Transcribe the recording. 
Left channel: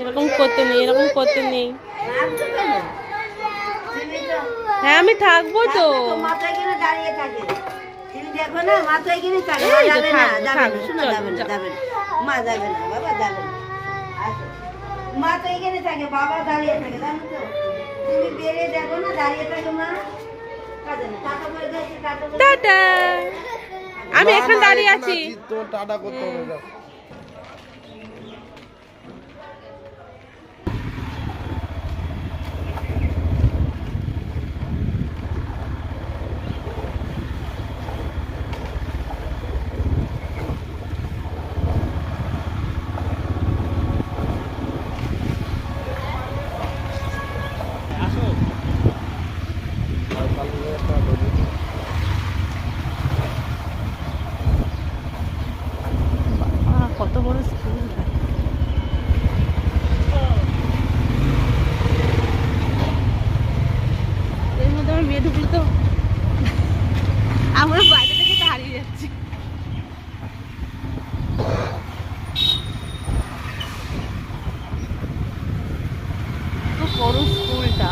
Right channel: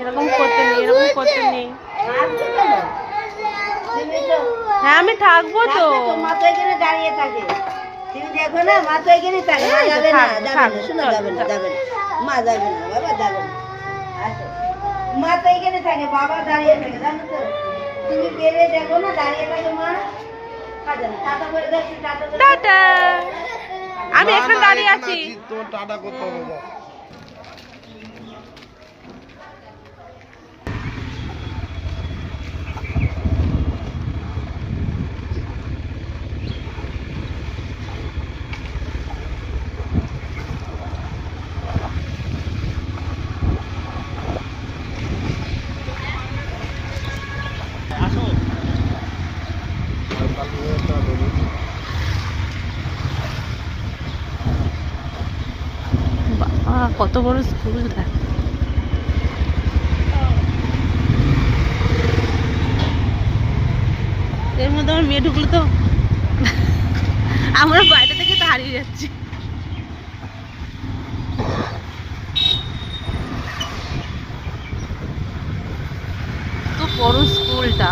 এরকম করতে নেই, এরকম করতে নেই। হ্যাঁ আমি থাকবো তো। মা তো এখানে দাঁড়িয়ে থাকে, তুমি দেখো না, মা তো এখানে থাকে। যাবে না, যাবে না, শোনো, যাবে না, যাবে না, মা যাবে না, বাবা যাবে না। আসো, মা তো এখানে থাকে, বাবা দাঁড়িয়ে থাকে, জানো তো। তুমি বেড়ে দেখো না, দাঁড়িয়ে থাকো মা। কাজে না, টাটা করে দাও, একটু টাটা করে দাও। টাটা। আমি এখানে দাঁড়িয়ে আছি। তোমার টাটা করতে হবে না। বাবা কত বড় স্কুল দেখ। এর মধ্যে আমার মেয়ে ঢুকলো তো আমরা বাইরে থেকে তো হারিয়ে যাচ্ছি। তো বড় স্কুলটা।